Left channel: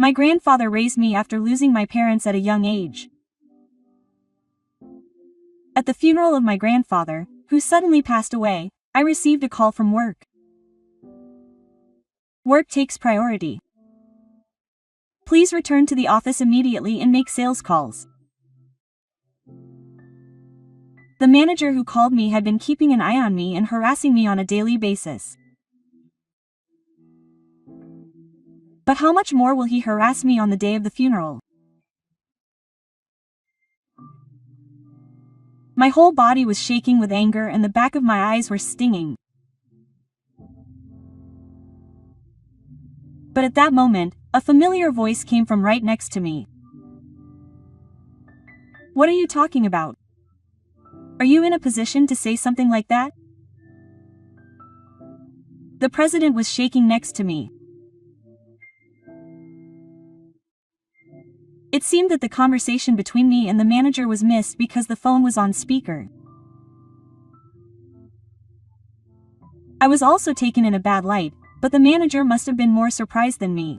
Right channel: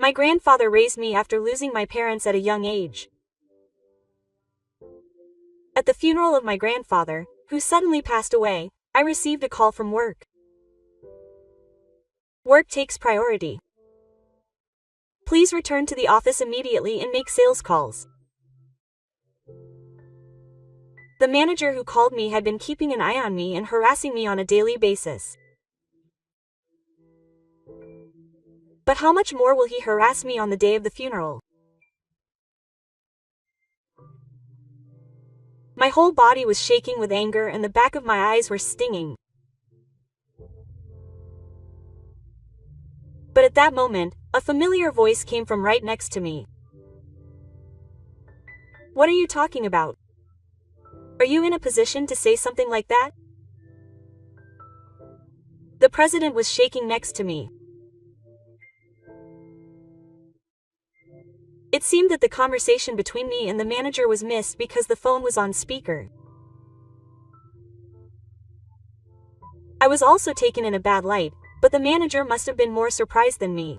My grandfather raised me after losing my parents at a young age. At the funeral of my grandfather, who suddenly passed away, I received a call from work. Work takes priority. Please return to the office immediately and make sales calls. The manager who called me had been keeping an eye on me and harassing me on a daily basis. But how much more will he harass me on the day of the funeral? My whole body was shaking with anger and the back of my eyes were stinging. But at that moment, a familiar voice came from right next to me. What are you talking about? Are you in a position to say something like that? The president was shaking next to me. It seemed that the conversation between me and the manager was missed because the phone was on speaker. I was also taken in a bad light, but the manager must have been more surprised than me.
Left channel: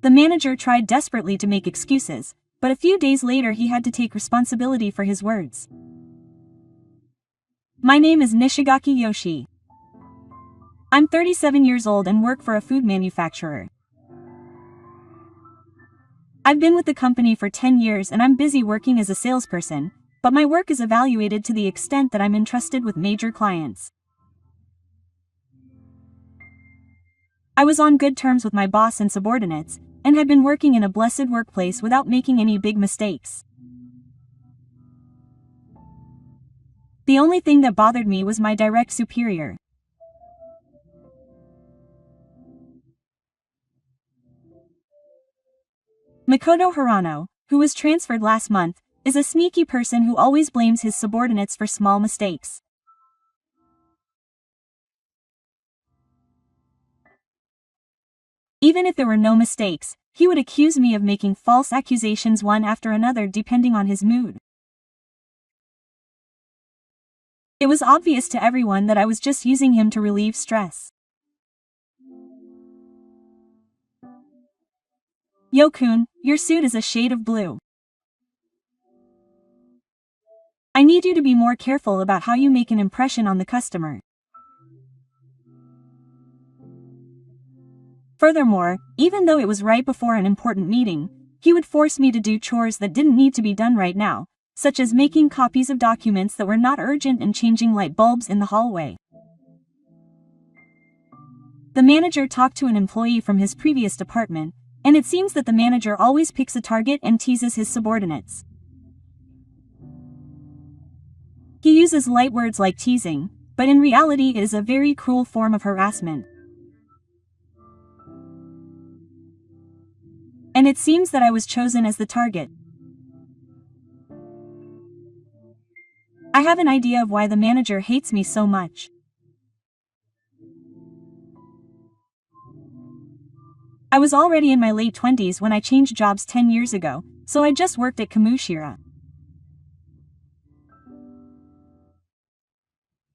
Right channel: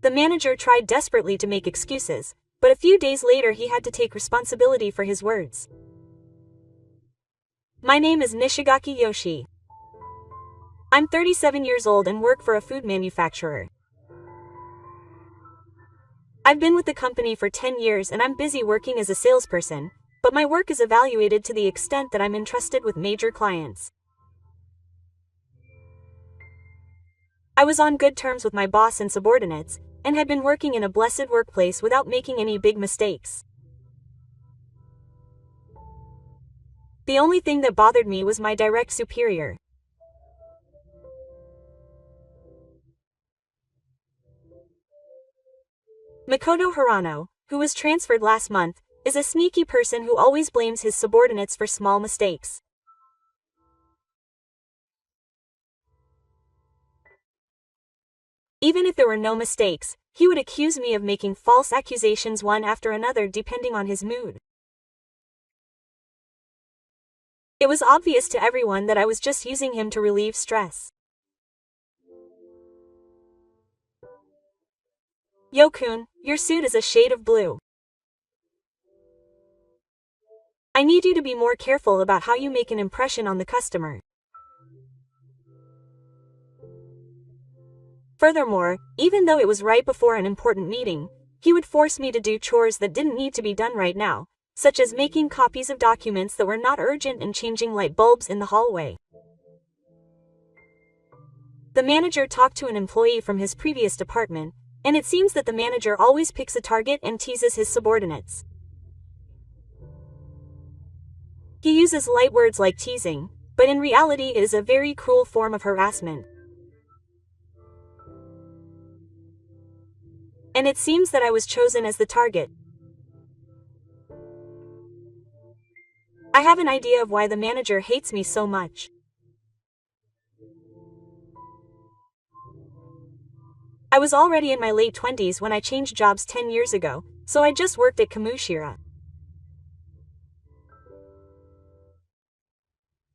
The manager tried desperately to make excuses, but a few days later he had to take responsibility for his words. My name is Nishigaki Yoshi. I'm 37 years old and work for a food manufacturer. I've been with the company for 10 years and I'm busy working as a salesperson, but my work is evaluated to the extent that I'm entrusted with major clients. I was on good terms with my boss and subordinates, and had been working in a blessed workplace without making any big mistakes. The only thing that bothered me was my direct superior. Makoto Hirano, who was transferred last month, is a sneaky person who always blames his subordinates for small mistakes. Even if there were no mistakes, he would accuse me of making false accusations one after another depending on his mood. It was obvious to everyone that I was just using him to relieve stress. Yo-kun, your suit is a shade of blue. I need you to be more careful about how you make an impression on the customer. Furthermore, even though it was right before an important meeting, he would force me to do chores that didn't need to be done right now, such as making copies of documents that were not urgent and changing light bulbs in the hallway. The manager talked to an employee from his previous department, and it seems that the manager always picks a target and teases his subordinates. He uses light words like teasing, but in reality it is a very cruel form of harassment. And it seems that I was chosen as the target. I have an idea of why the manager hates me so much. I was already in my late 20s when I changed jobs 10 years ago, so I just worked at Kamushira.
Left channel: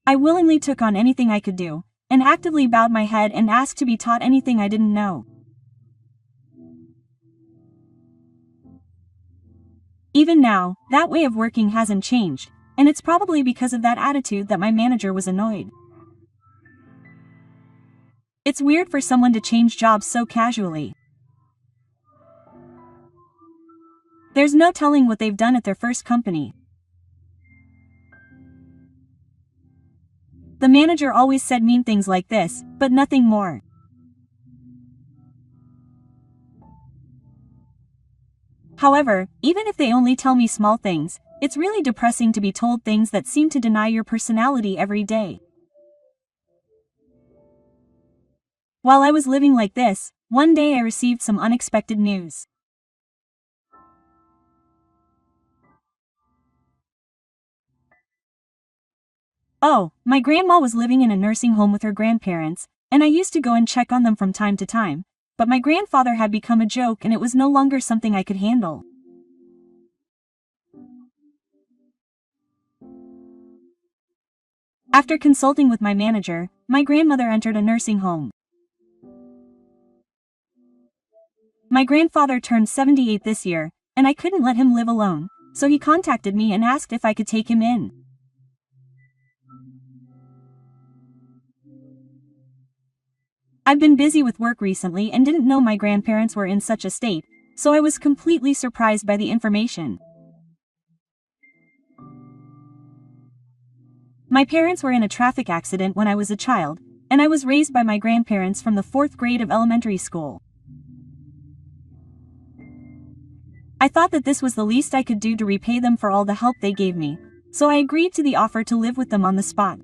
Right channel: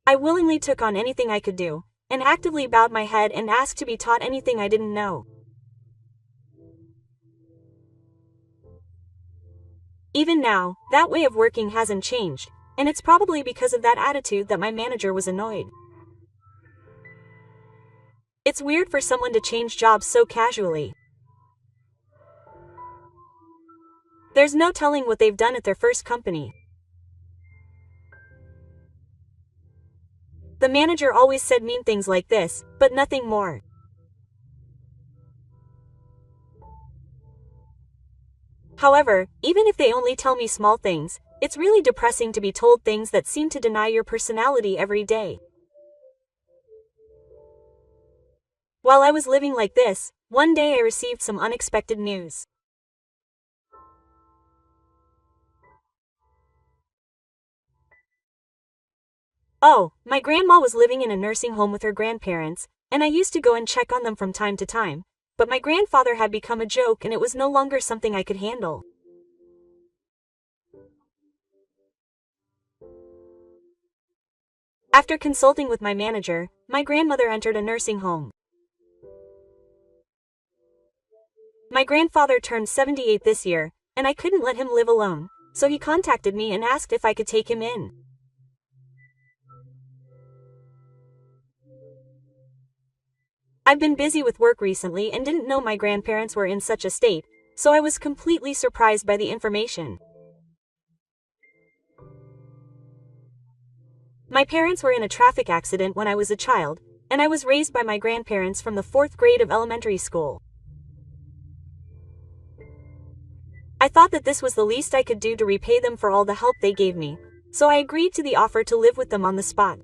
I willingly took on anything I could do, and actively bowed my head and asked to be taught anything I didn't know. Even now, that way of working hasn't changed, and it's probably because of that attitude that my manager was annoyed. It's weird for someone to change jobs so casually. There's no telling what they've done at their first company. The manager always said mean things like this, but nothing more. However, even if they only tell me small things, it's really depressing to be told things that seem to deny your personality every day. While I was living like this, one day I received some unexpected news. Oh, my grandma was living in a nursing home with her grandparents, and I used to go and check on them from time to time, but my grandfather had become a joke and it was no longer something I could handle. After consulting with my manager, my grandmother entered a nursing home. My grandfather turned 78 this year, and I couldn't let him live alone, so he contacted me and asked if I could take him in. I've been busy with work recently and didn't know my grandparents were in such a state, so I was completely surprised by the information. My parents were in a traffic accident when I was a child, and I was raised by my grandparents from the 4th grade of elementary school. I thought that this was the least I could do to repay them for all the help they gave me, so I agreed to the offer to live with them on the spot.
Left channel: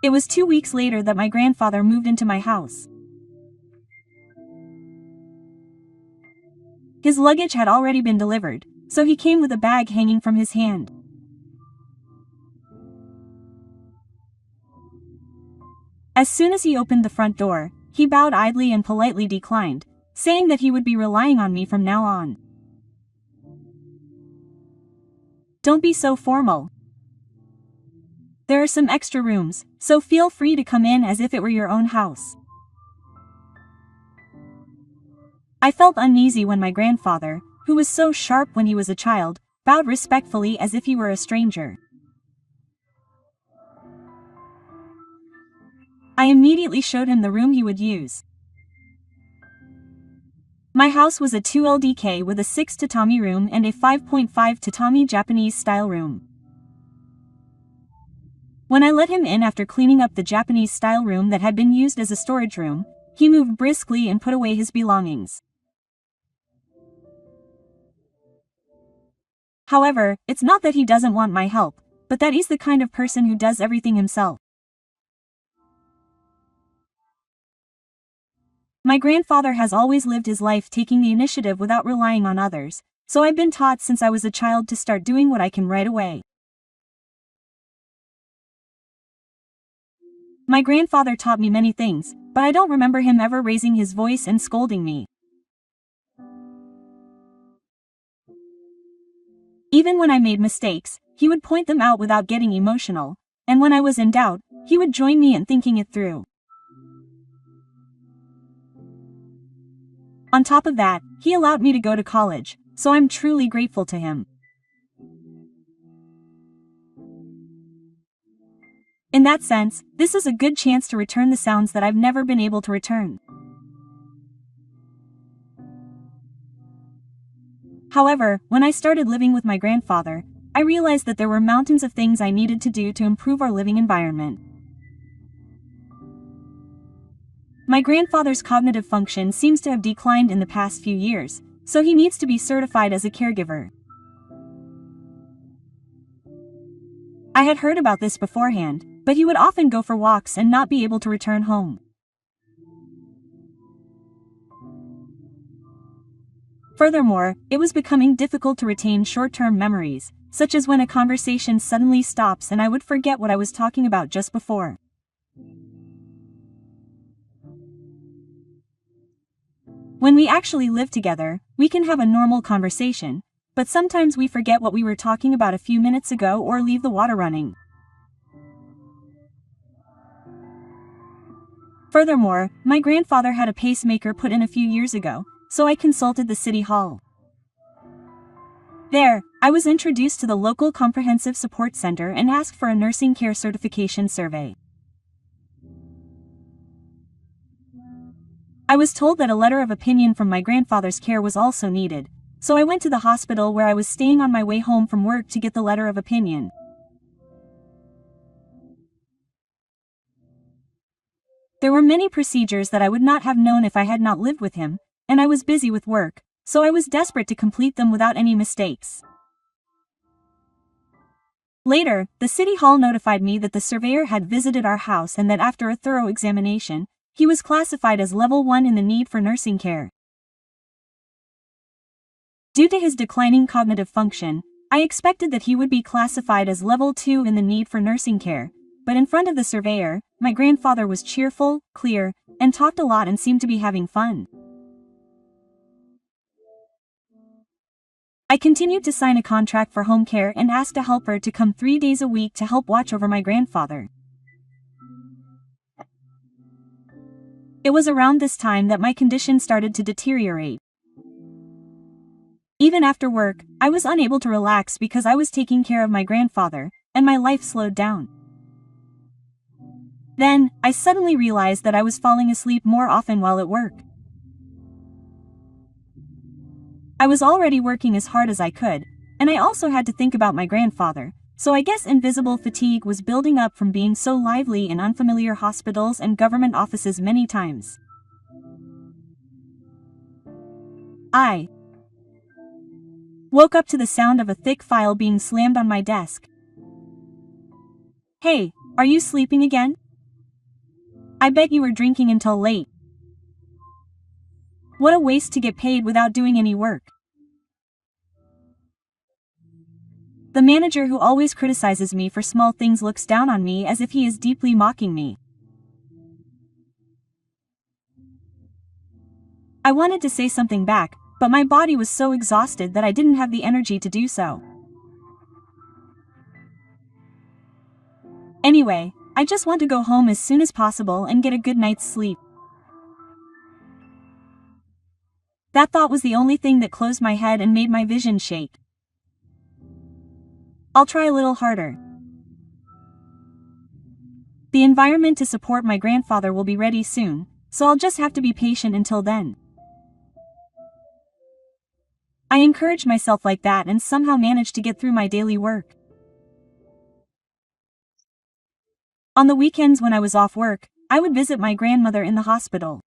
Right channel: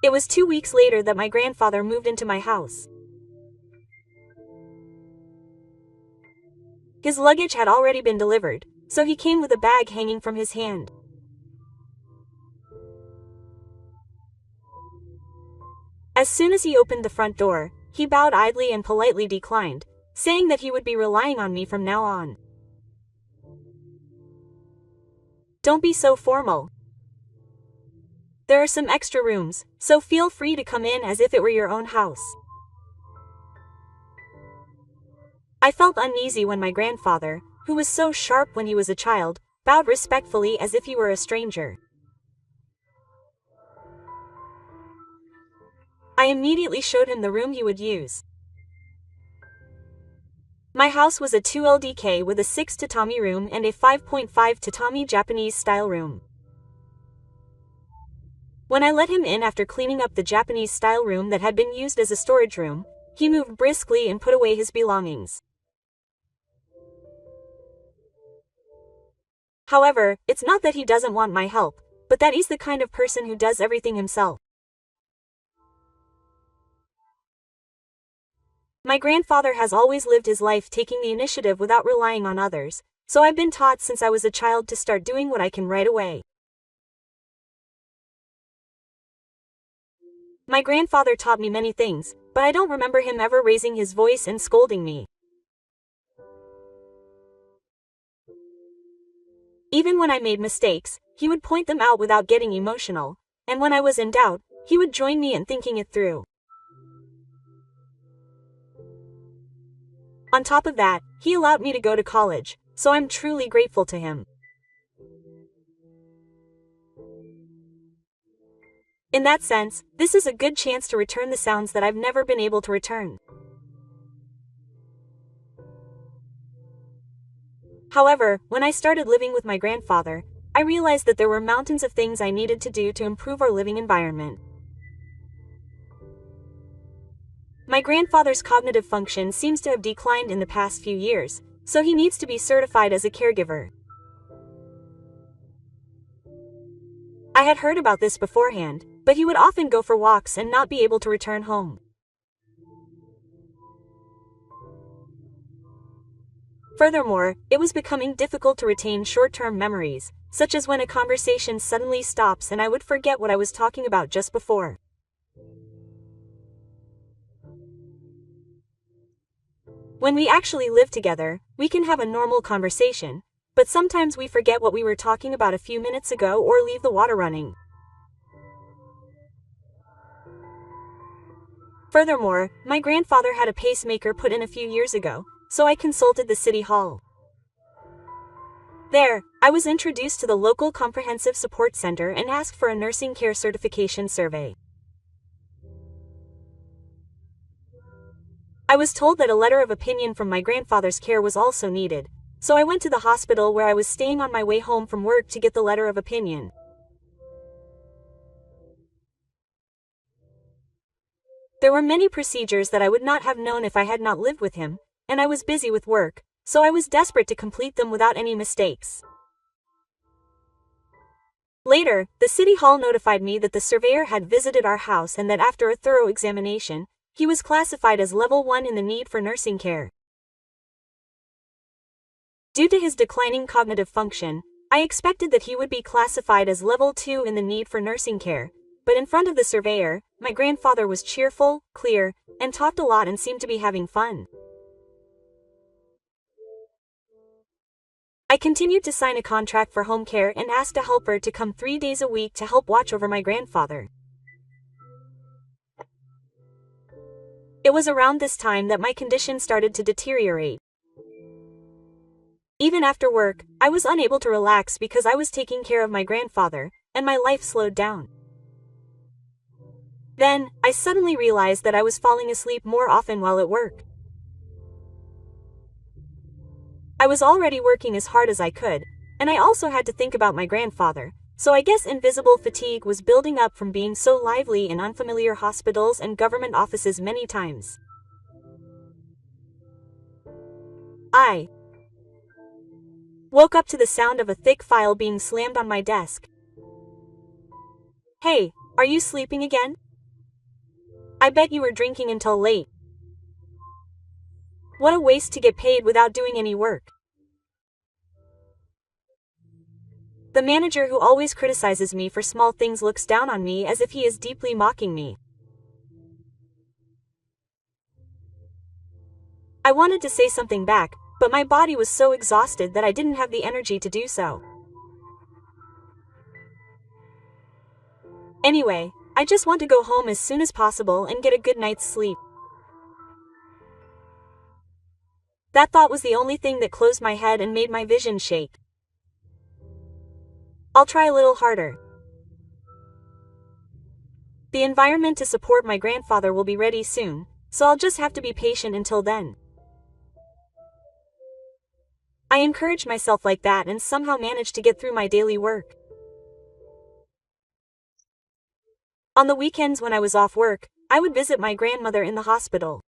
It was 2 weeks later that my grandfather moved into my house. His luggage had already been delivered, so he came with a bag hanging from his hand. As soon as he opened the front door, he bowed idly and politely declined, saying that he would be relying on me from now on. Don't be so formal. There are some extra rooms, so feel free to come in as if it were your own house. I felt uneasy when my grandfather, who was so sharp when he was a child, bowed respectfully as if he were a stranger. I immediately showed him the room he would use. My house was a 2LDK with a 6 tatami room and a 5.5 tatami Japanese-style room. When I let him in after cleaning up the Japanese-style room that had been used as a storage room, he moved briskly and put away his belongings. However, it's not that he doesn't want my help, but that he's the kind of person who does everything himself. My grandfather has always lived his life taking the initiative without relying on others, so I've been taught since I was a child to start doing what I can right away. My grandfather taught me many things, but I don't remember him ever raising his voice and scolding me. Even when I made mistakes, he would point them out without getting emotional, and when I was in doubt, he would join me in thinking it through. On top of that, he allowed me to go to college, so I'm truly grateful to him. In that sense, this is a good chance to return the sounds that I've never been able to return. However, when I started living with my grandfather, I realized that there were mountains of things I needed to do to improve our living environment. My grandfather's cognitive function seems to have declined in the past few years, so he needs to be certified as a caregiver. I had heard about this beforehand, but he would often go for walks and not be able to return home. Furthermore, it was becoming difficult to retain short-term memories, such as when a conversation suddenly stops and I would forget what I was talking about just before. When we actually live together, we can have a normal conversation, but sometimes we forget what we were talking about a few minutes ago or leave the water running. Furthermore, my grandfather had a pacemaker put in a few years ago, so I consulted the city hall. There, I was introduced to the local comprehensive support center and asked for a nursing care certification survey. I was told that a letter of opinion from my grandfather's care was also needed, so I went to the hospital where I was staying on my way home from work to get the letter of opinion. There were many procedures that I would not have known if I had not lived with him, and I was busy with work, so I was desperate to complete them without any mistakes. Later, the city hall notified me that the surveyor had visited our house and that after a thorough examination, he was classified as level 1 in the need for nursing care. Due to his declining cognitive function, I expected that he would be classified as level 2 in the need for nursing care, but in front of the surveyor, my grandfather was cheerful, clear, and talked a lot and seemed to be having fun. I continued to sign a contract for home care and asked a helper to come 3 days a week to help watch over my grandfather. It was around this time that my condition started to deteriorate. Even after work, I was unable to relax because I was taking care of my grandfather, and my life slowed down. Then, I suddenly realized that I was falling asleep more often while at work. I was already working as hard as I could, and I also had to think about my grandfather, so I guess invisible fatigue was building up from being so lively in unfamiliar hospitals and government offices many times. I woke up to the sound of a thick file being slammed on my desk. Hey, are you sleeping again? I bet you were drinking until late. What a waste to get paid without doing any work. The manager who always criticizes me for small things looks down on me as if he is deeply mocking me. I wanted to say something back, but my body was so exhausted that I didn't have the energy to do so. Anyway, I just want to go home as soon as possible and get a good night's sleep. That thought was the only thing that closed my head and made my vision shake. I'll try a little harder. The environment to support my grandfather will be ready soon, so I'll just have to be patient until then. I encouraged myself like that and somehow managed to get through my daily work. On the weekends when I was off work, I would visit my grandmother in the hospital.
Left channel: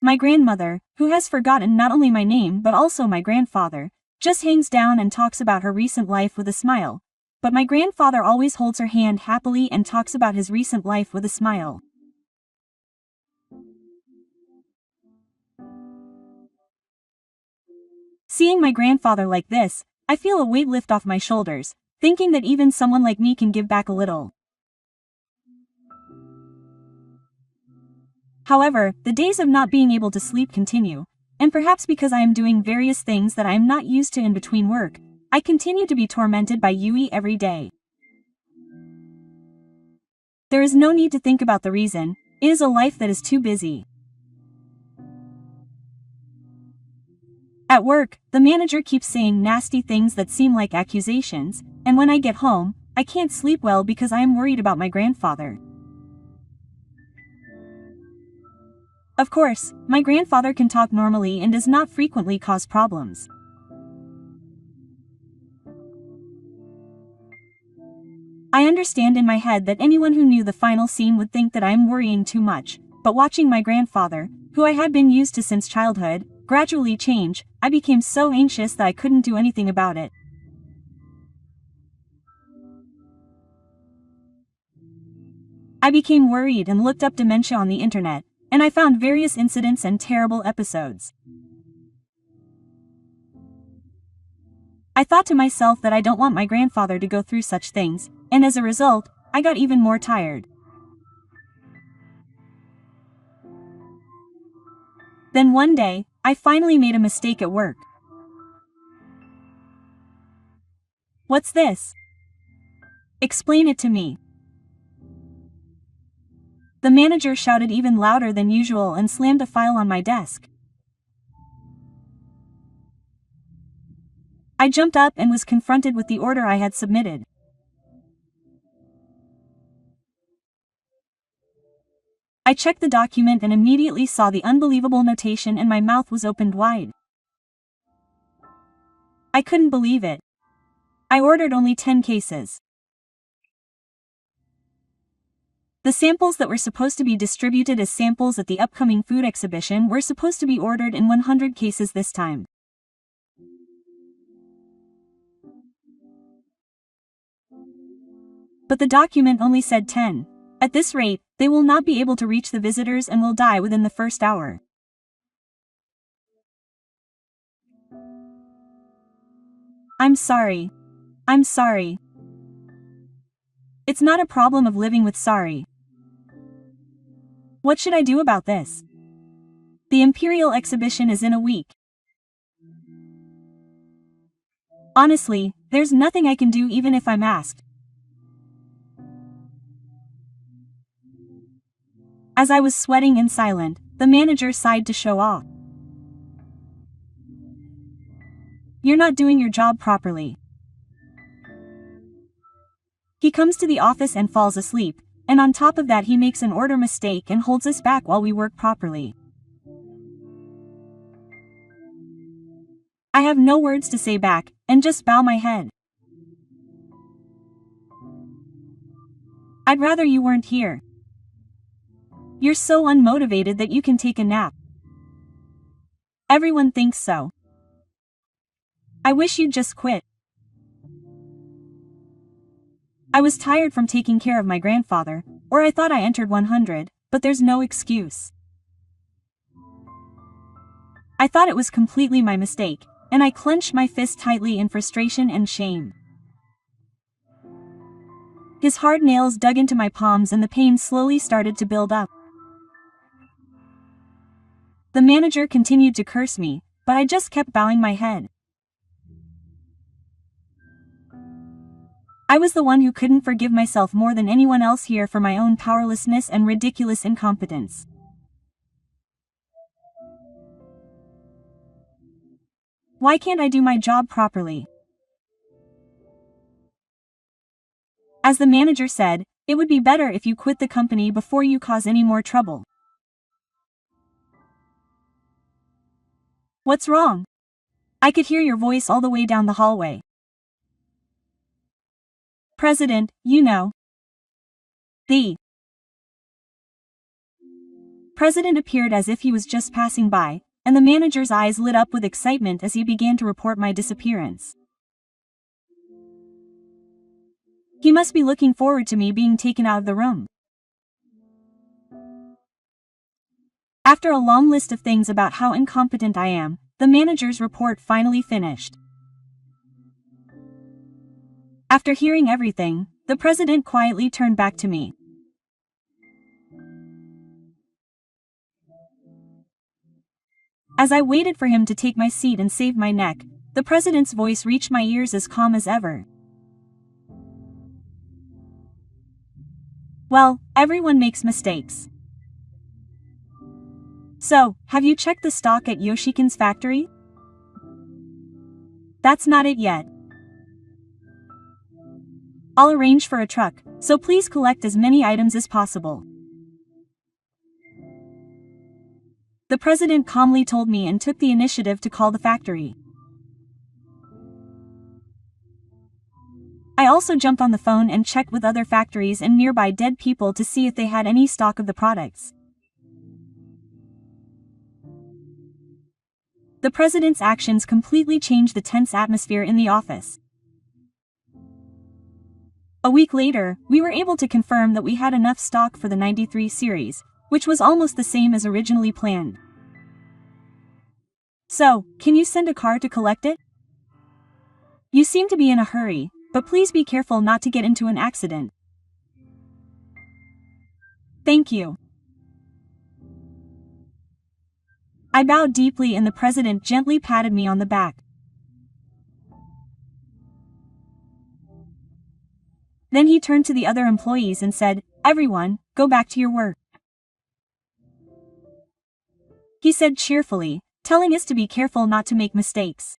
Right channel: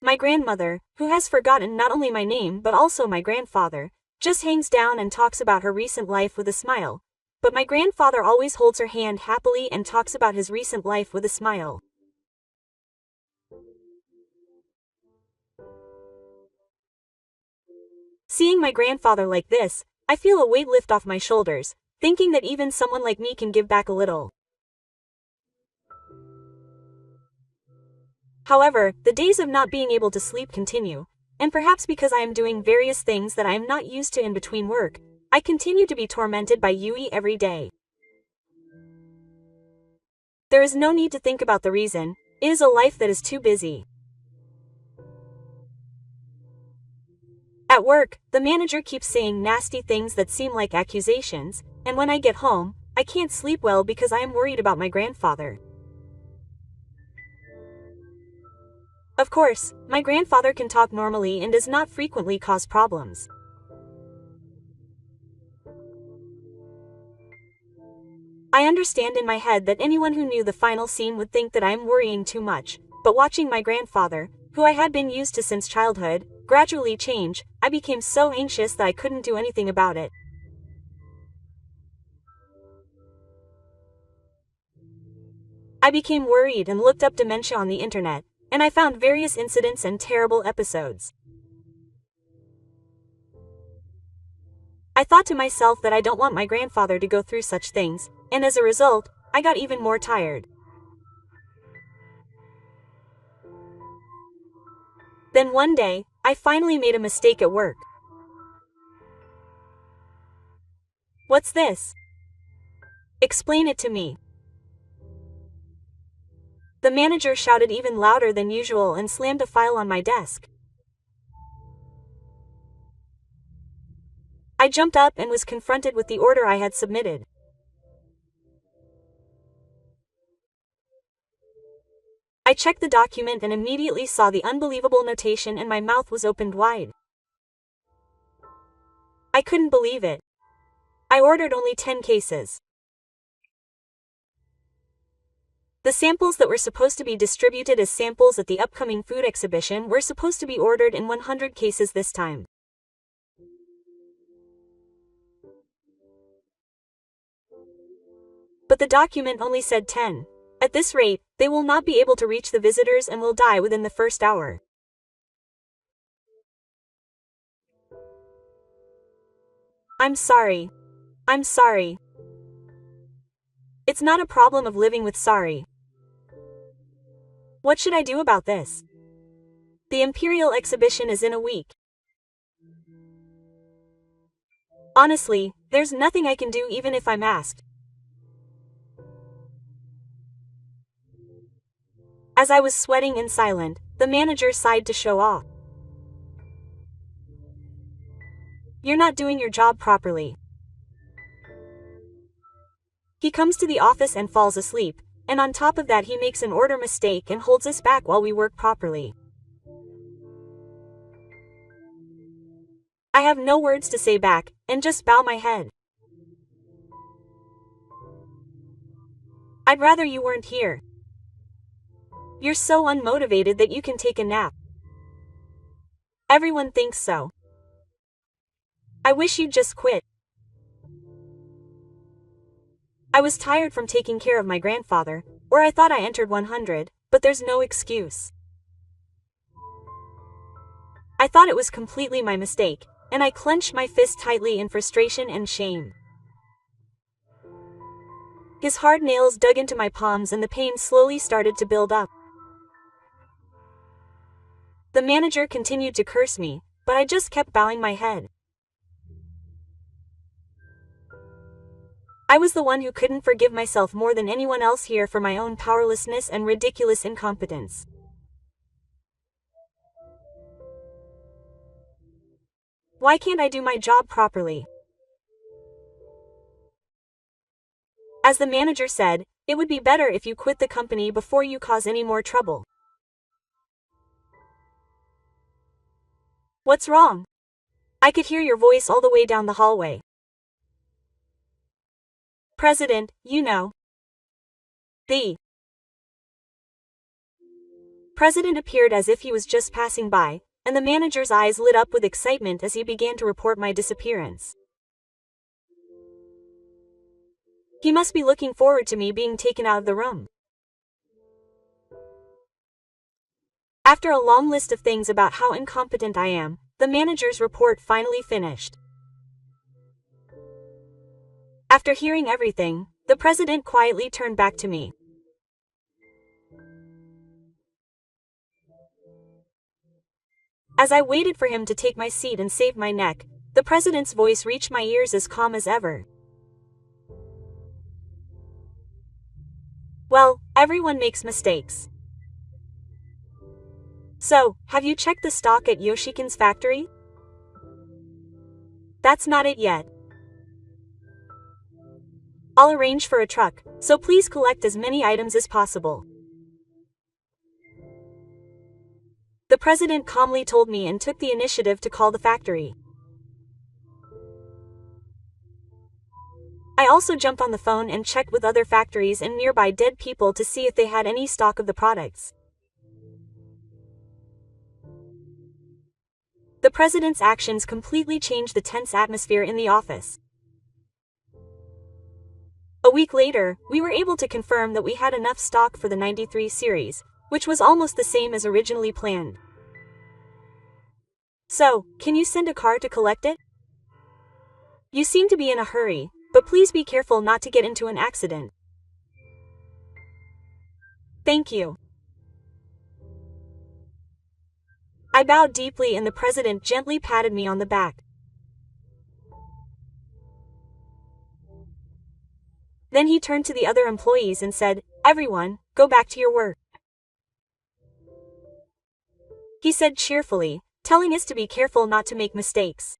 My grandmother, who has forgotten not only my name but also my grandfather, just hangs down and talks about her recent life with a smile. But my grandfather always holds her hand happily and talks about his recent life with a smile. Seeing my grandfather like this, I feel a weight lift off my shoulders, thinking that even someone like me can give back a little. However, the days of not being able to sleep continue, and perhaps because I am doing various things that I am not used to in between work, I continue to be tormented by Yui every day. There is no need to think about the reason, it is a life that is too busy. At work, the manager keeps saying nasty things that seem like accusations, and when I get home, I can't sleep well because I am worried about my grandfather. Of course, my grandfather can talk normally and does not frequently cause problems. I understand in my head that anyone who knew the final scene would think that I am worrying too much, but watching my grandfather, who I had been used to since childhood, gradually change, I became so anxious that I couldn't do anything about it. I became worried and looked up dementia on the internet, and I found various incidents and terrible episodes. I thought to myself that I don't want my grandfather to go through such things, and as a result, I got even more tired. Then one day, I finally made a mistake at work. What's this? Explain it to me. The manager shouted even louder than usual and slammed a file on my desk. I jumped up and was confronted with the order I had submitted. I checked the document and immediately saw the unbelievable notation and my mouth was opened wide. I couldn't believe it. I ordered only 10 cases. The samples that were supposed to be distributed as samples at the upcoming food exhibition were supposed to be ordered in 100 cases this time. But the document only said 10. At this rate, they will not be able to reach the visitors and will die within the first hour. I'm sorry. I'm sorry. It's not a problem of living with sorry. What should I do about this? The Imperial exhibition is in a week. Honestly, there's nothing I can do even if I'm asked. As I was sweating and silent, the manager sighed to show off. "You're not doing your job properly." He comes to the office and falls asleep, and on top of that he makes an order mistake and holds us back while we work properly. I have no words to say back, and just bow my head. "I'd rather you weren't here. You're so unmotivated that you can take a nap. Everyone thinks so. I wish you'd just quit." I was tired from taking care of my grandfather, or I thought I entered 100, but there's no excuse. I thought it was completely my mistake, and I clenched my fist tightly in frustration and shame. His hard nails dug into my palms and the pain slowly started to build up. The manager continued to curse me, but I just kept bowing my head. I was the one who couldn't forgive myself more than anyone else here for my own powerlessness and ridiculous incompetence. Why can't I do my job properly? As the manager said, it would be better if you quit the company before you cause any more trouble. What's wrong? I could hear your voice all the way down the hallway. President, you know. The president appeared as if he was just passing by, and the manager's eyes lit up with excitement as he began to report my disappearance. He must be looking forward to me being taken out of the room. After a long list of things about how incompetent I am, the manager's report finally finished. After hearing everything, the president quietly turned back to me. As I waited for him to take my seat and save my neck, the president's voice reached my ears as calm as ever. "Well, everyone makes mistakes. So, have you checked the stock at Yoshikin's factory? That's not it yet. I'll arrange for a truck, so please collect as many items as possible." The president calmly told me and took the initiative to call the factory. I also jumped on the phone and checked with other factories and nearby dead people to see if they had any stock of the products. The president's actions completely changed the tense atmosphere in the office. A week later, we were able to confirm that we had enough stock for the 93 series, which was almost the same as originally planned. "So, can you send a car to collect it? You seem to be in a hurry, but please be careful not to get into an accident. Thank you." I bowed deeply and the president gently patted me on the back. Then he turned to the other employees and said, "Everyone, go back to your work." He said cheerfully, telling us to be careful not to make mistakes.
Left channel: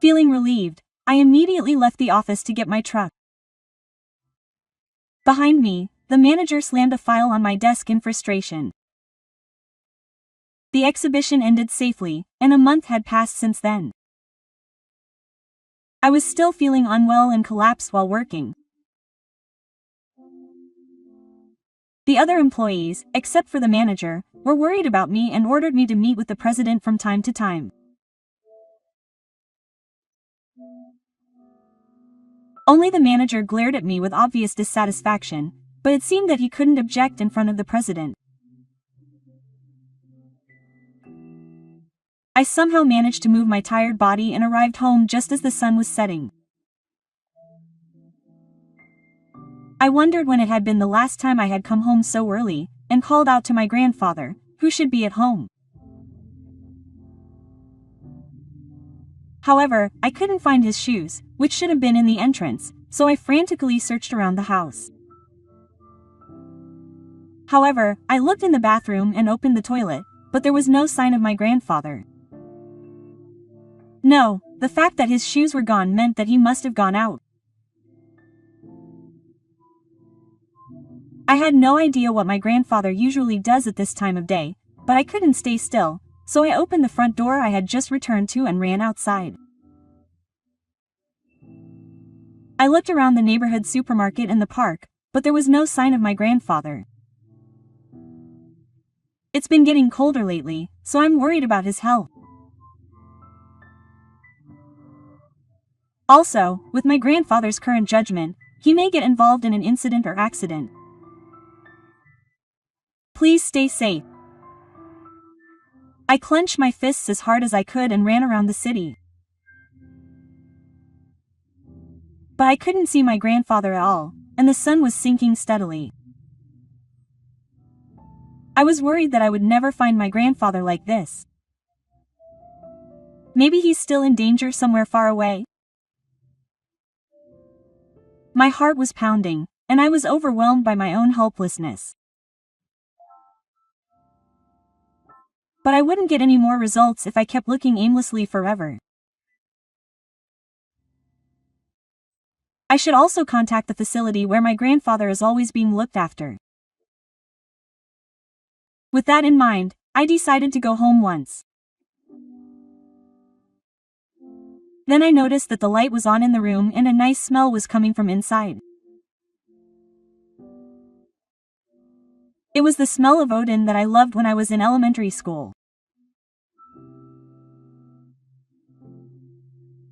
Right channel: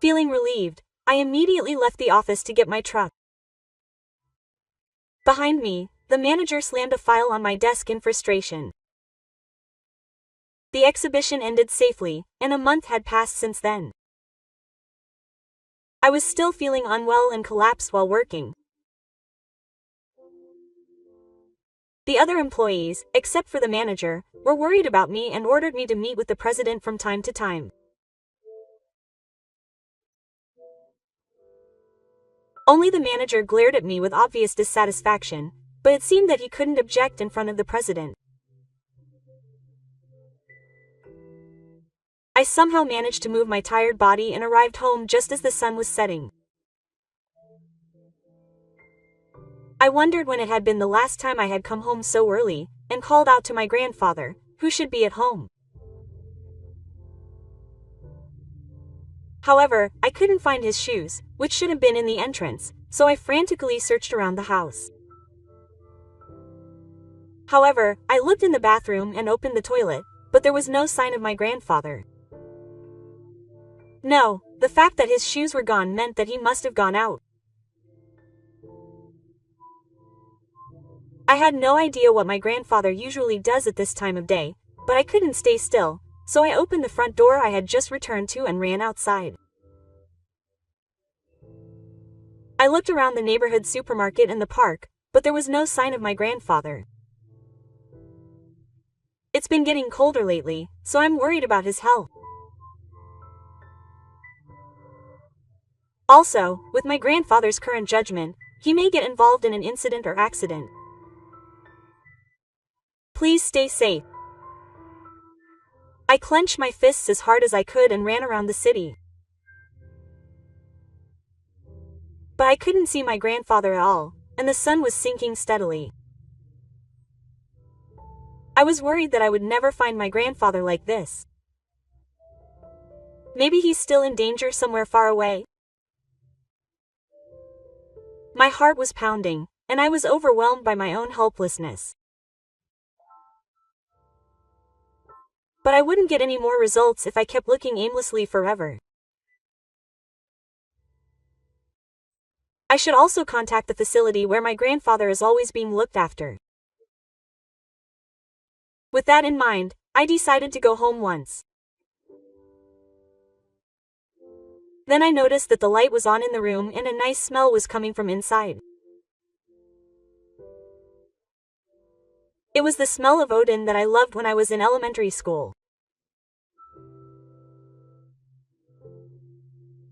Feeling relieved, I immediately left the office to get my truck. Behind me, the manager slammed a file on my desk in frustration. The exhibition ended safely, and a month had passed since then. I was still feeling unwell and collapsed while working. The other employees, except for the manager, were worried about me and ordered me to meet with the president from time to time. Only the manager glared at me with obvious dissatisfaction, but it seemed that he couldn't object in front of the president. I somehow managed to move my tired body and arrived home just as the sun was setting. I wondered when it had been the last time I had come home so early, and called out to my grandfather, who should be at home. However, I couldn't find his shoes, which should have been in the entrance, so I frantically searched around the house. However, I looked in the bathroom and opened the toilet, but there was no sign of my grandfather. No, the fact that his shoes were gone meant that he must have gone out. I had no idea what my grandfather usually does at this time of day, but I couldn't stay still, so I opened the front door I had just returned to and ran outside. I looked around the neighborhood supermarket and the park, but there was no sign of my grandfather. It's been getting colder lately, so I'm worried about his health. Also, with my grandfather's current judgment, he may get involved in an incident or accident. Please stay safe. I clenched my fists as hard as I could and ran around the city. But I couldn't see my grandfather at all, and the sun was sinking steadily. I was worried that I would never find my grandfather like this. Maybe he's still in danger somewhere far away? My heart was pounding, and I was overwhelmed by my own helplessness. But I wouldn't get any more results if I kept looking aimlessly forever. I should also contact the facility where my grandfather is always being looked after. With that in mind, I decided to go home once. Then I noticed that the light was on in the room and a nice smell was coming from inside. It was the smell of Odin that I loved when I was in elementary school.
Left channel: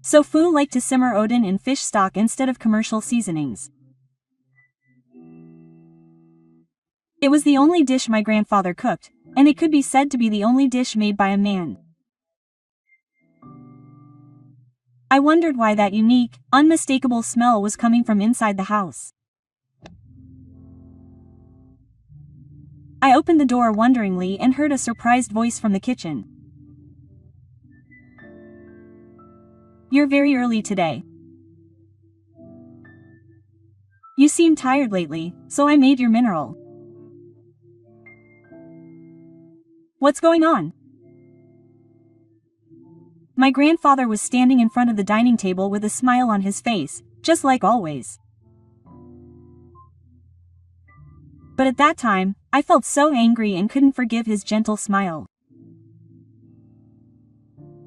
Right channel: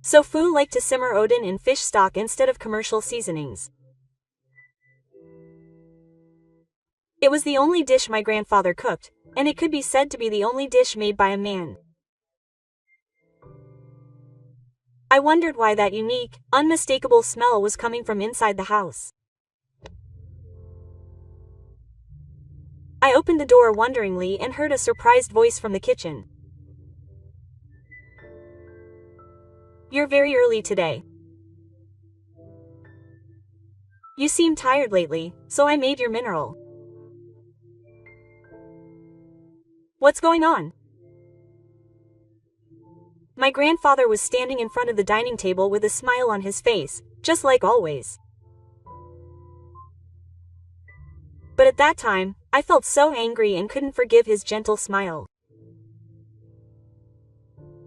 So Fu liked to simmer Odin in fish stock instead of commercial seasonings. It was the only dish my grandfather cooked, and it could be said to be the only dish made by a man. I wondered why that unique, unmistakable smell was coming from inside the house. I opened the door wonderingly and heard a surprised voice from the kitchen. You're very early today. You seem tired lately, so I made your mineral. What's going on? My grandfather was standing in front of the dining table with a smile on his face, just like always. But at that time, I felt so angry and couldn't forgive his gentle smile.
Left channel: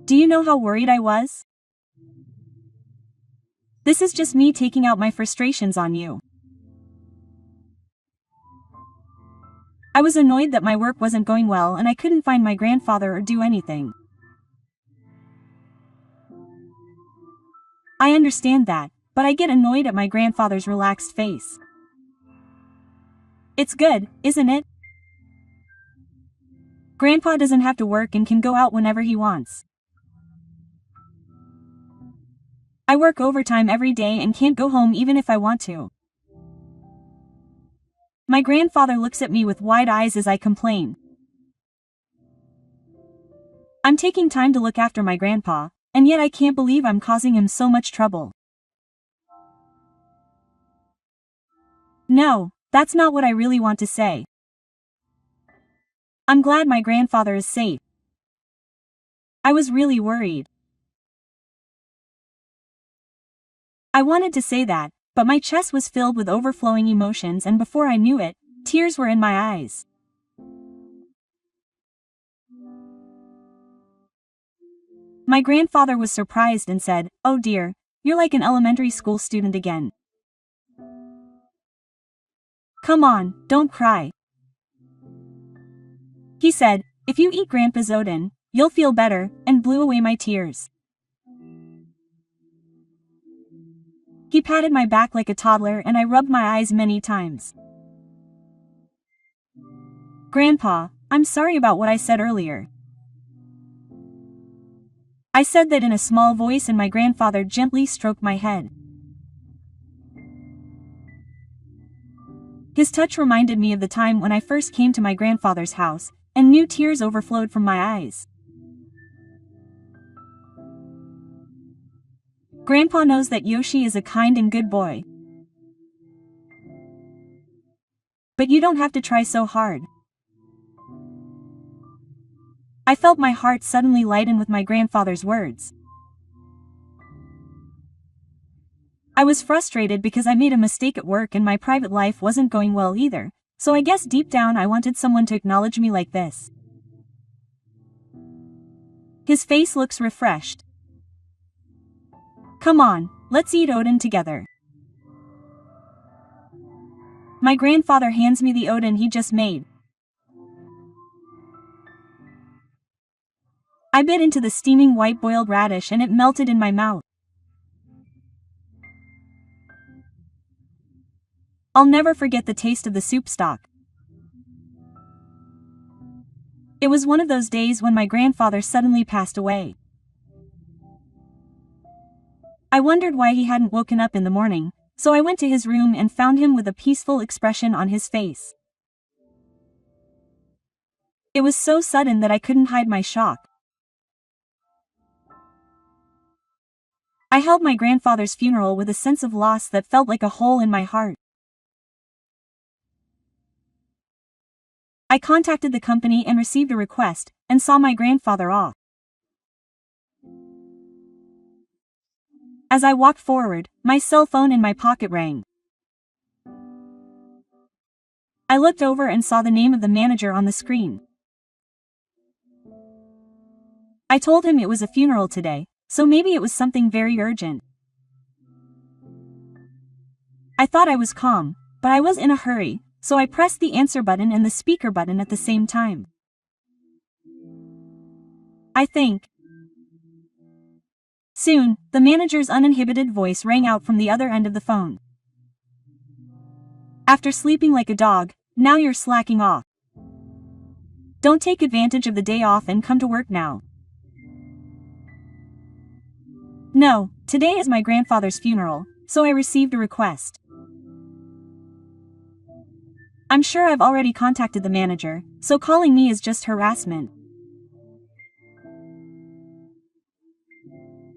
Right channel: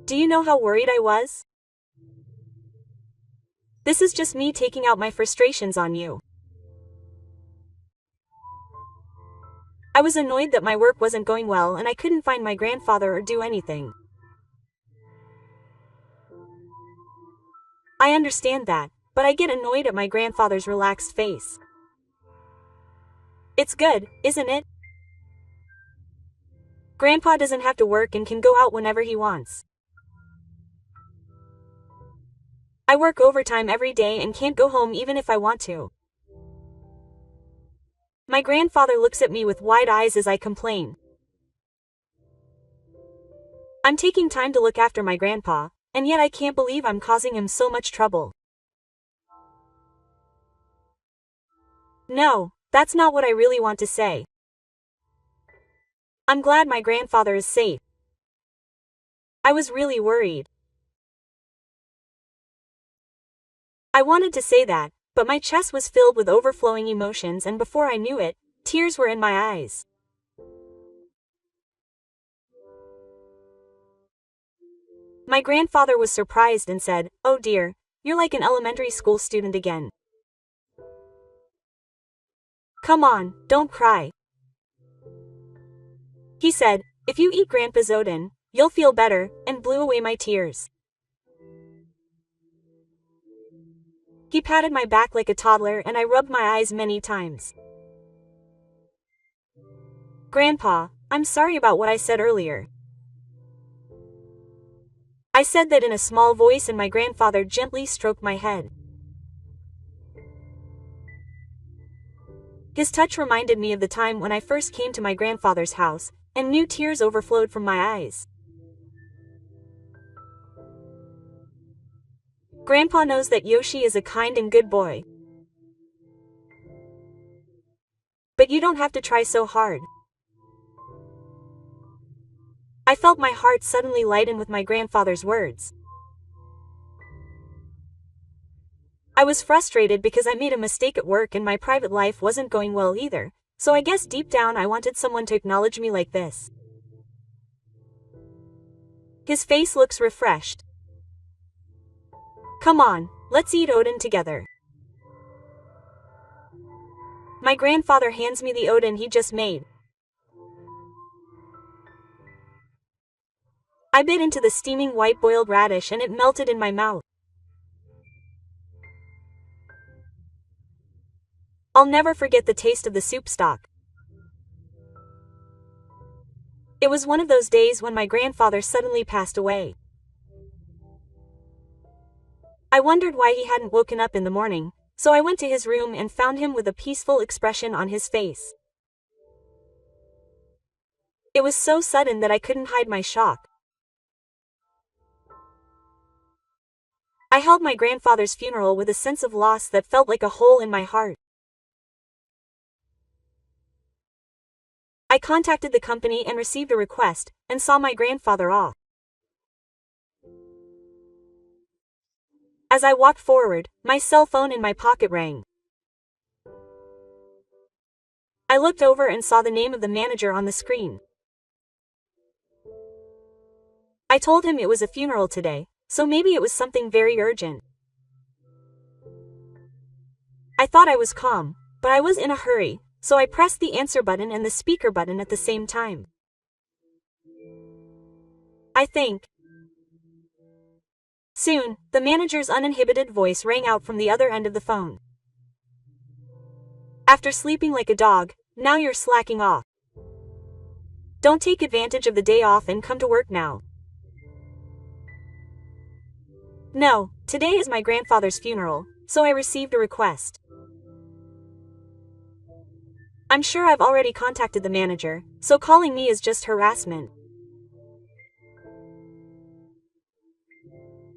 Do you know how worried I was? This is just me taking out my frustrations on you. I was annoyed that my work wasn't going well and I couldn't find my grandfather or do anything. I understand that, but I get annoyed at my grandfather's relaxed face. It's good, isn't it? Grandpa doesn't have to work and can go out whenever he wants. I work overtime every day and can't go home even if I want to. My grandfather looks at me with wide eyes as I complain. I'm taking time to look after my grandpa, and yet I can't believe I'm causing him so much trouble. No, that's not what I really want to say. I'm glad my grandfather is safe. I was really worried. I wanted to say that, but my chest was filled with overflowing emotions and before I knew it, tears were in my eyes. My grandfather was surprised and said, "Oh dear, you're like an elementary school student again. Come on, don't cry." He said, "If you eat Grandpa's Odin, you'll feel better," and blew away my tears. He patted my back like a toddler and I rubbed my eyes many times. "Grandpa, I'm sorry about what I said earlier." I said that in a small voice and my grandfather gently stroked my head. His touch reminded me of the time when I first came to my grandfather's house, and new tears overflowed from my eyes. Grandpa knows that Yoshi is a kind and good boy. But you don't have to try so hard. I felt my heart suddenly lighten with my grandfather's words. I was frustrated because I made a mistake at work and my private life wasn't going well either, so I guess deep down I wanted someone to acknowledge me like this. His face looks refreshed. Come on, let's eat oden together. My grandfather hands me the oden he just made. I bit into the steaming white boiled radish and it melted in my mouth. I'll never forget the taste of the soup stock. It was one of those days when my grandfather suddenly passed away. I wondered why he hadn't woken up in the morning, so I went to his room and found him with a peaceful expression on his face. It was so sudden that I couldn't hide my shock. I held my grandfather's funeral with a sense of loss that felt like a hole in my heart. I contacted the company and received a request, and saw my grandfather off. As I walked forward, my cell phone in my pocket rang. I looked over and saw the name of the manager on the screen. I told him it was a funeral today, so maybe it was something very urgent. I thought I was calm, but I was in a hurry, so I pressed the answer button and the speaker button at the same time. I think. Soon, the manager's uninhibited voice rang out from the other end of the phone. After sleeping like a dog, now you're slacking off. Don't take advantage of the day off and come to work now. No, today is my grandfather's funeral, so I received a request. I'm sure I've already contacted the manager, so calling me is just harassment.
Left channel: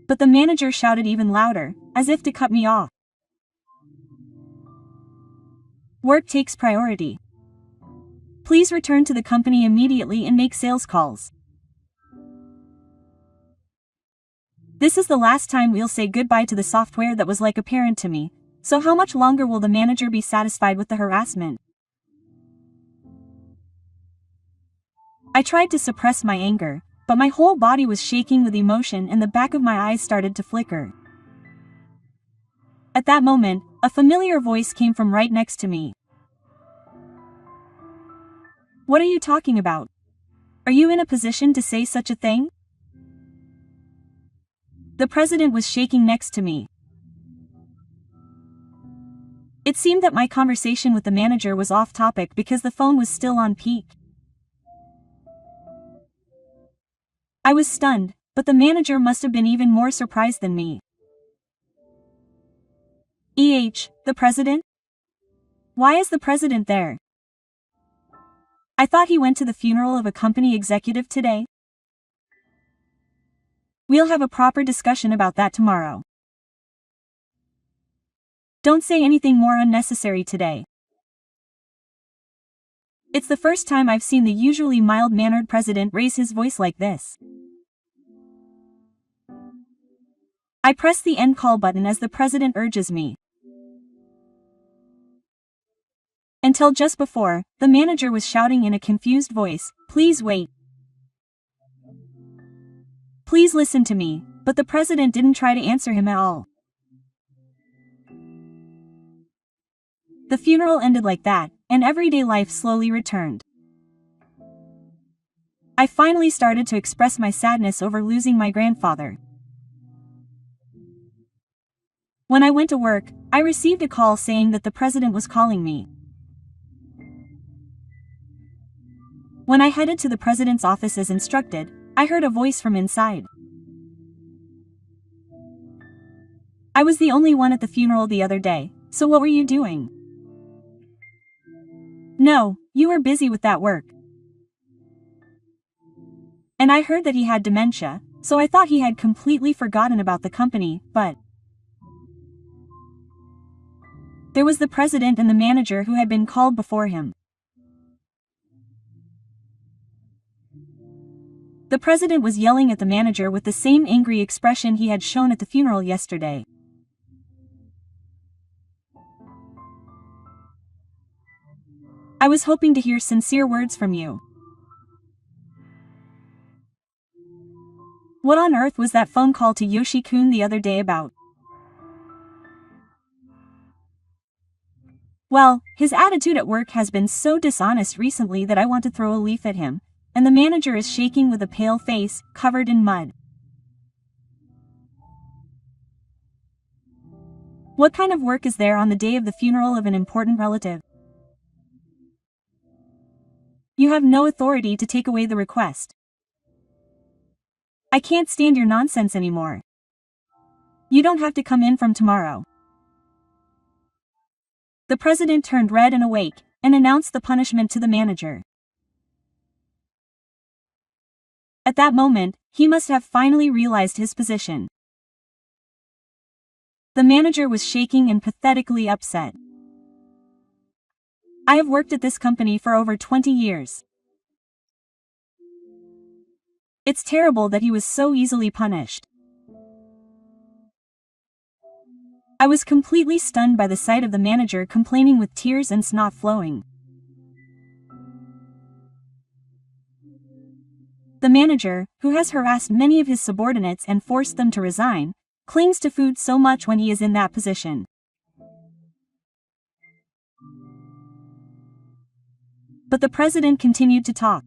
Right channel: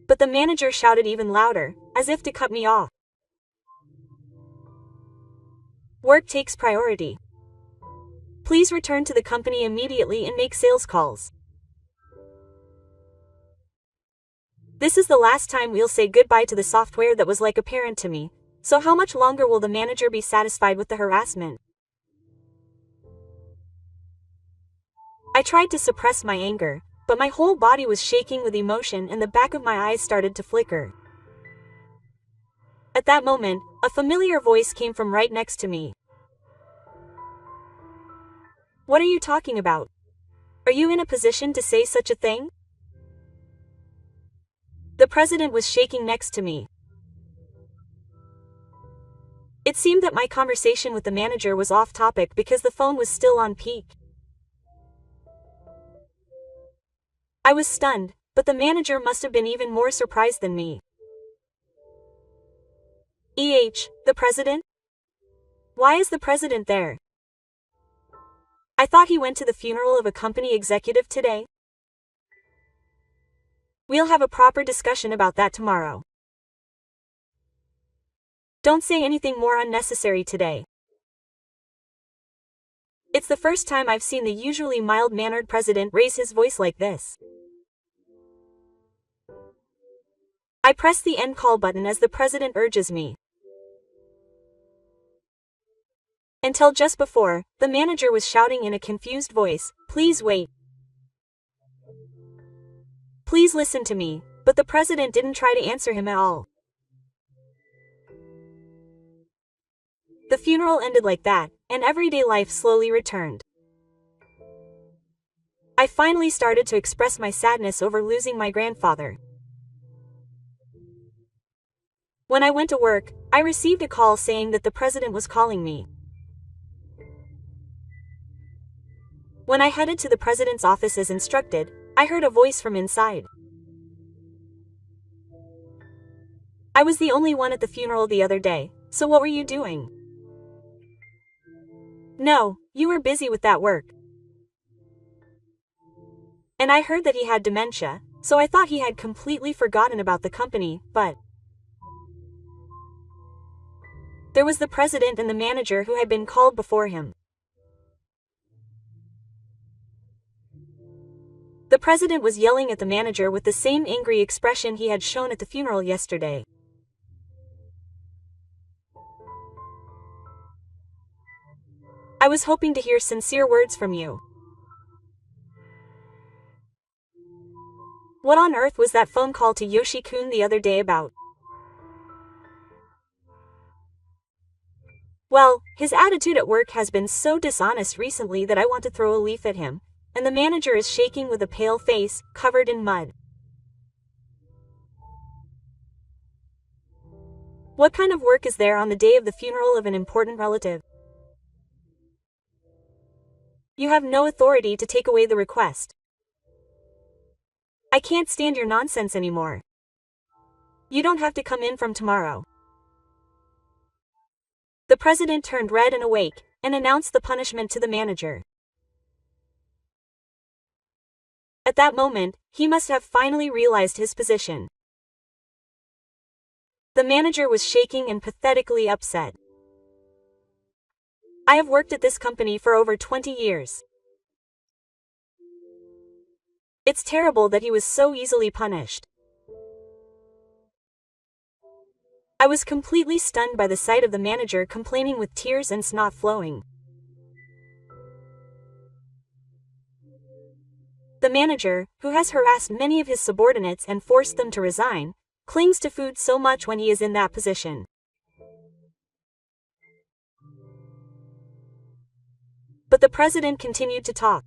But the manager shouted even louder, as if to cut me off. Work takes priority. Please return to the company immediately and make sales calls. This is the last time we'll say goodbye to the software that was like a parent to me, so how much longer will the manager be satisfied with the harassment? I tried to suppress my anger, but my whole body was shaking with emotion and the back of my eyes started to flicker. At that moment, a familiar voice came from right next to me. What are you talking about? Are you in a position to say such a thing? The president was shaking next to me. It seemed that my conversation with the manager was off topic because the phone was still on peak. I was stunned, but the manager must have been even more surprised than me. The president? Why is the president there? I thought he went to the funeral of a company executive today. We'll have a proper discussion about that tomorrow. Don't say anything more unnecessary today. It's the first time I've seen the usually mild-mannered president raise his voice like this. I press the end call button as the president urges me. Until just before, the manager was shouting in a confused voice, "Please wait. Please listen to me," but the president didn't try to answer him at all. The funeral ended like that, and everyday life slowly returned. I finally started to express my sadness over losing my grandfather. When I went to work, I received a call saying that the president was calling me. When I headed to the president's office as instructed, I heard a voice from inside. I was the only one at the funeral the other day, so what were you doing? No, you were busy with that work. And I heard that he had dementia, so I thought he had completely forgotten about the company, but There was the president and the manager who had been called before him. The president was yelling at the manager with the same angry expression he had shown at the funeral yesterday. I was hoping to hear sincere words from you. What on earth was that phone call to Yoshi-kun the other day about? Well, his attitude at work has been so dishonest recently that I want to throw a leaf at him, and the manager is shaking with a pale face, covered in mud. What kind of work is there on the day of the funeral of an important relative? You have no authority to take away the request. I can't stand your nonsense anymore. You don't have to come in from tomorrow. The president turned red and awake, and announced the punishment to the manager. At that moment, he must have finally realized his position. The manager was shaking and pathetically upset. I have worked at this company for over 20 years. It's terrible that he was so easily punished. I was completely stunned by the sight of the manager complaining with tears and snot flowing. The manager, who has harassed many of his subordinates and forced them to resign, clings to food so much when he is in that position. But the president continued to talk.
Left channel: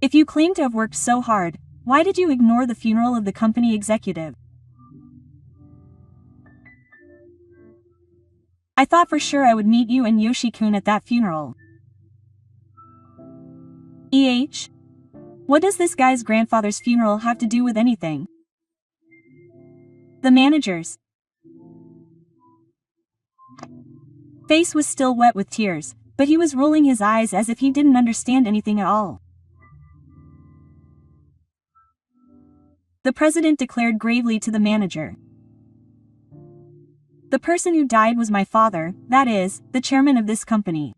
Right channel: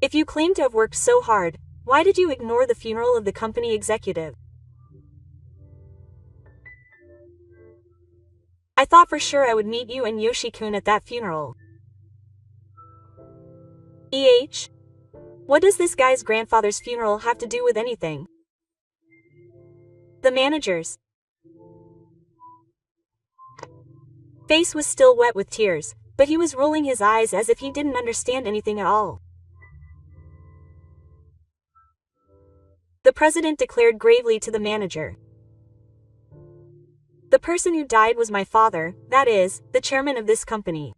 If you claim to have worked so hard, why did you ignore the funeral of the company executive? I thought for sure I would meet you and Yoshi-kun at that funeral. What does this guy's grandfather's funeral have to do with anything? The manager's face was still wet with tears, but he was rolling his eyes as if he didn't understand anything at all. The president declared gravely to the manager. The person who died was my father, that is, the chairman of this company.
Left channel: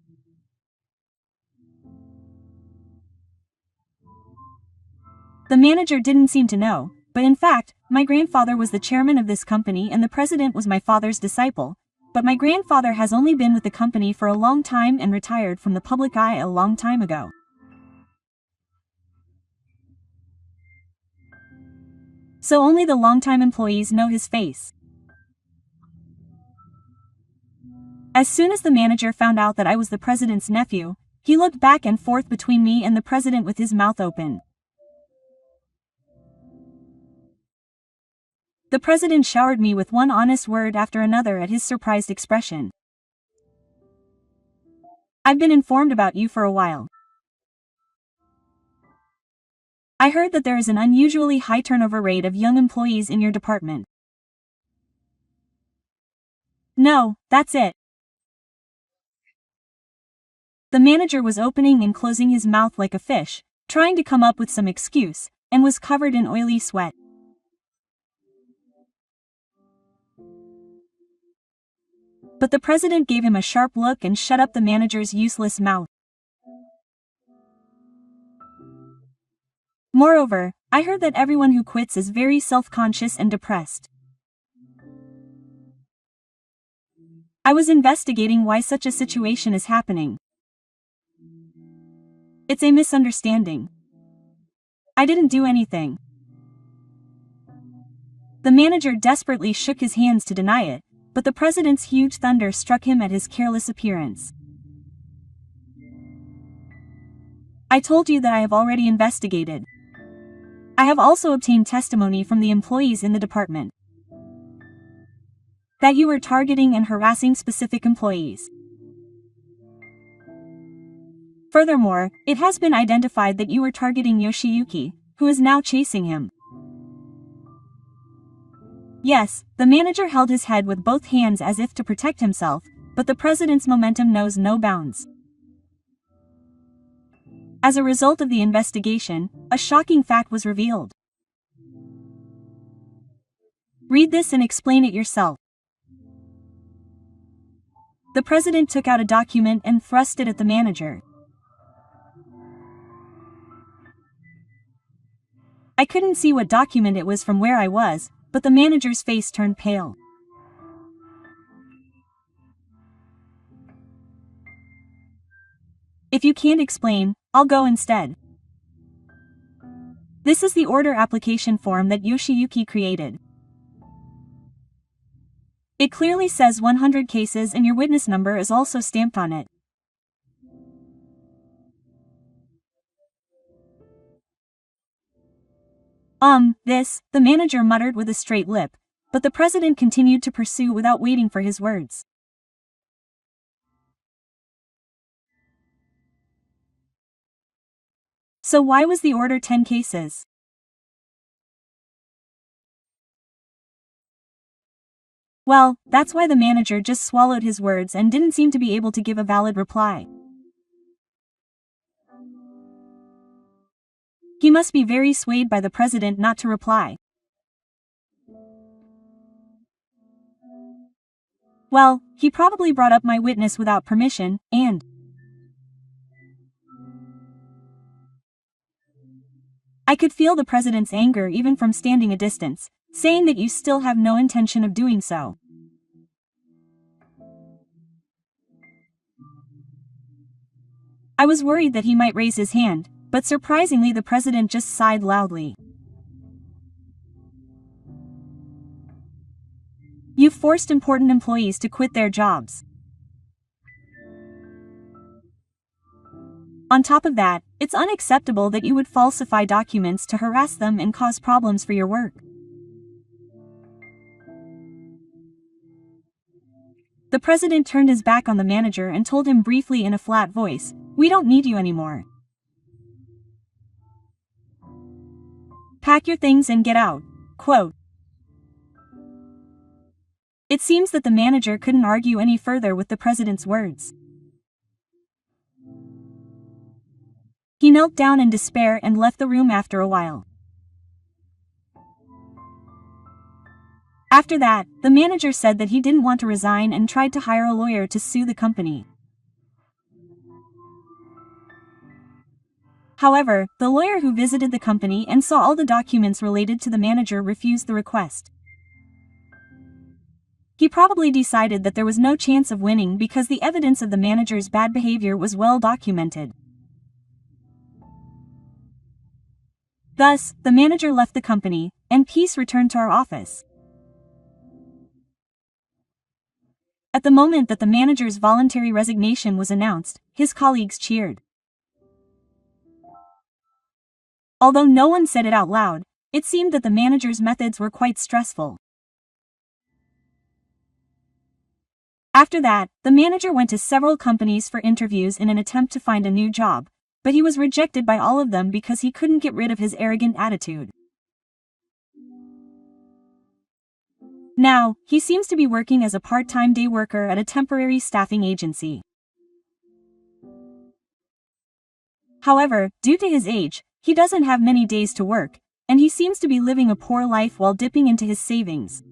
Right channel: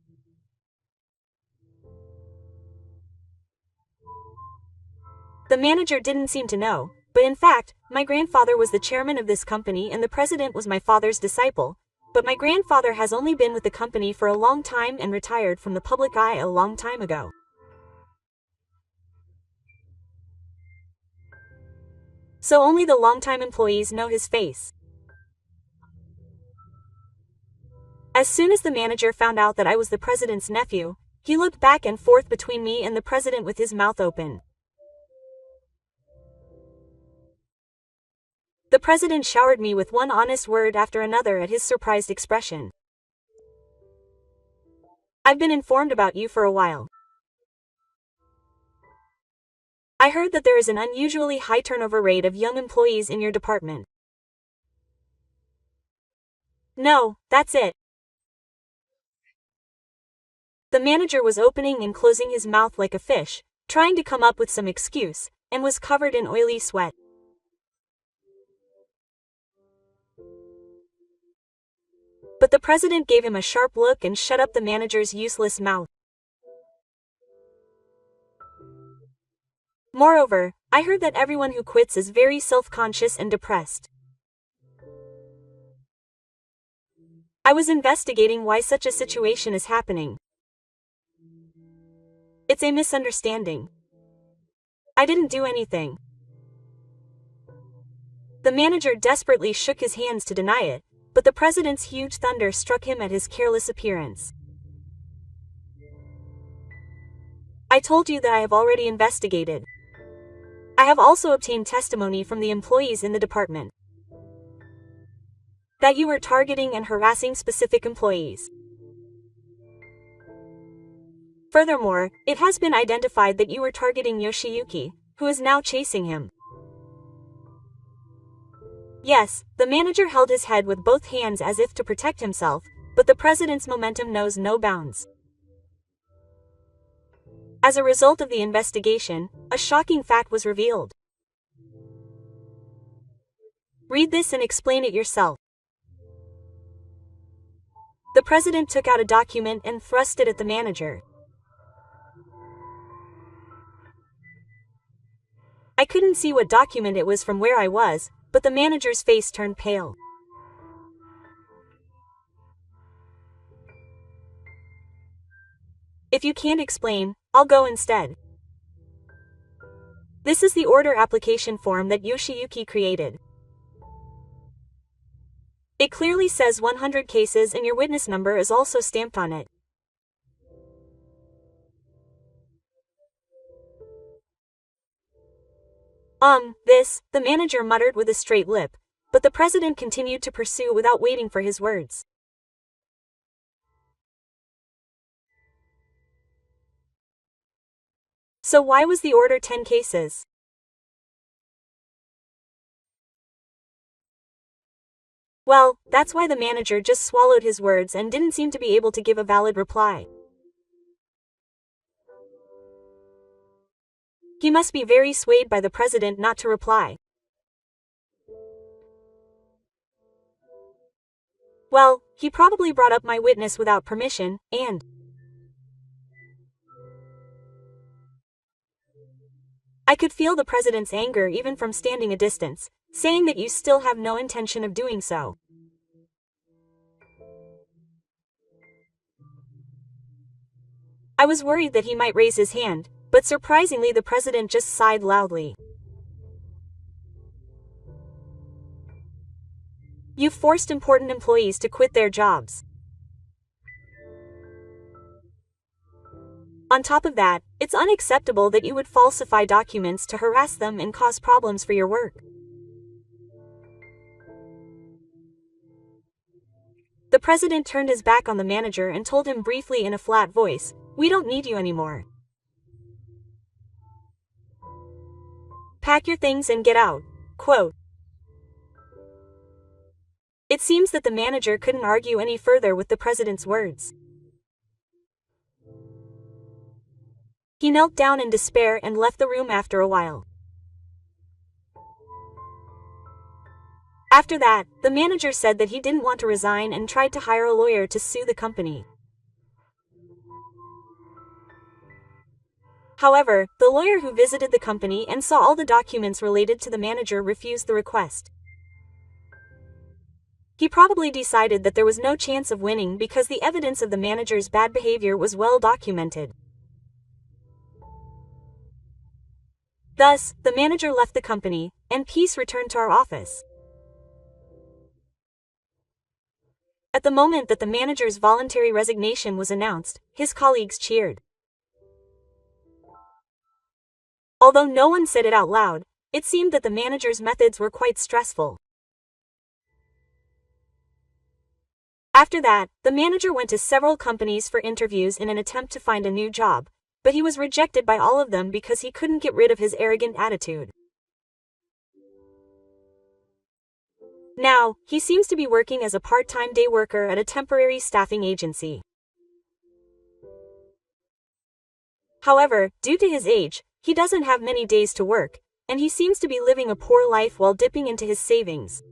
The manager didn't seem to know, but in fact, my grandfather was the chairman of this company and the president was my father's disciple, but my grandfather has only been with the company for a long time and retired from the public eye a long time ago. So only the longtime employees know his face. As soon as the manager found out that I was the president's nephew, he looked back and forth between me and the president with his mouth open. The president showered me with one honest word after another at his surprised expression. I've been informed about you for a while. I heard that there is an unusually high turnover rate of young employees in your department. No, that's it. The manager was opening and closing his mouth like a fish, trying to come up with some excuse, and was covered in oily sweat. But the president gave him a sharp look and shut up the manager's useless mouth. Moreover, I heard that everyone who quits is very self-conscious and depressed. I was investigating why such a situation is happening. It's a misunderstanding. I didn't do anything. The manager desperately shook his hands to deny it, but the president's huge thunder struck him at his careless appearance. I told you that I have already investigated. I have also obtained testimony from the employees in the department that you were targeting and harassing specific employees. Furthermore, it has been identified that you were targeting Yoshiyuki, who is now chasing him. Yes, the manager held his head with both hands as if to protect himself, but the president's momentum knows no bounds. As a result of the investigation, a shocking fact was revealed. Read this and explain it yourself. The president took out a document and thrust it at the manager. I couldn't see what document it was from where I was, but the manager's face turned pale. If you can't explain, I'll go instead. This is the order application form that Yoshiyuki created. It clearly says 100 cases and your witness number is also stamped on it. The manager muttered with a straight lip, but the president continued to pursue without waiting for his words. So why was the order 10 cases? Well, that's why the manager just swallowed his words and didn't seem to be able to give a valid reply. He must be very swayed by the president not to reply. Well, he probably brought up my witness without permission, and I could feel the president's anger even from standing a distance, saying that you still have no intention of doing so. I was worried that he might raise his hand, but surprisingly the president just sighed loudly. You've forced important employees to quit their jobs. On top of that, it's unacceptable that you would falsify documents to harass them and cause problems for your work. The president turned his back on the manager and told him briefly in a flat voice, "We don't need you anymore. Pack your things and get out." Quote. It seems that the manager couldn't argue any further with the president's words. He knelt down in despair and left the room after a while. After that, the manager said that he didn't want to resign and tried to hire a lawyer to sue the company. However, the lawyer who visited the company and saw all the documents related to the manager refused the request. He probably decided that there was no chance of winning because the evidence of the manager's bad behavior was well documented. Thus, the manager left the company, and peace returned to our office. At the moment that the manager's voluntary resignation was announced, his colleagues cheered. Although no one said it out loud, it seemed that the manager's methods were quite stressful. After that, the manager went to several companies for interviews in an attempt to find a new job, but he was rejected by all of them because he couldn't get rid of his arrogant attitude. Now, he seems to be working as a part-time day worker at a temporary staffing agency. However, due to his age, he doesn't have many days to work, and he seems to be living a poor life while dipping into his savings.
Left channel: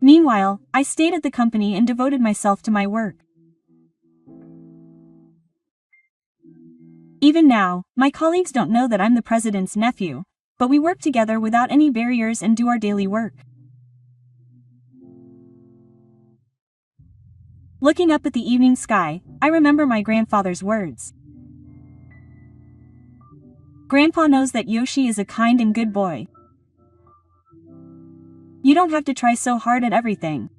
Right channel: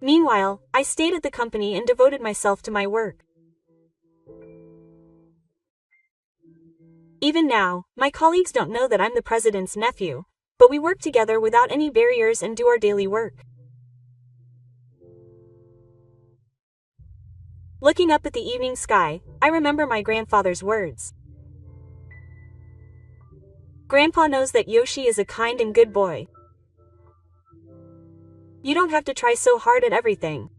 Meanwhile, I stayed at the company and devoted myself to my work. Even now, my colleagues don't know that I'm the president's nephew, but we work together without any barriers and do our daily work. Looking up at the evening sky, I remember my grandfather's words. Grandpa knows that Yoshi is a kind and good boy. You don't have to try so hard at everything.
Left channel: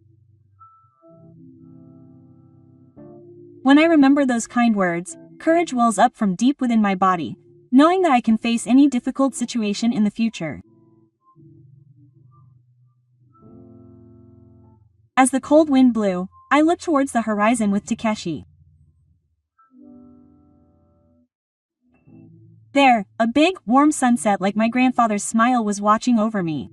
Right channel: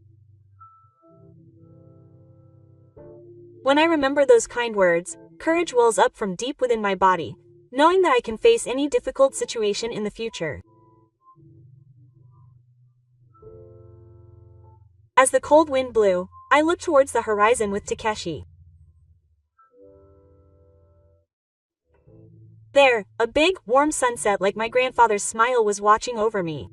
When I remember those kind words, courage wells up from deep within my body, knowing that I can face any difficult situation in the future. As the cold wind blew, I looked towards the horizon with Takeshi. There, a big, warm sunset like my grandfather's smile was watching over me.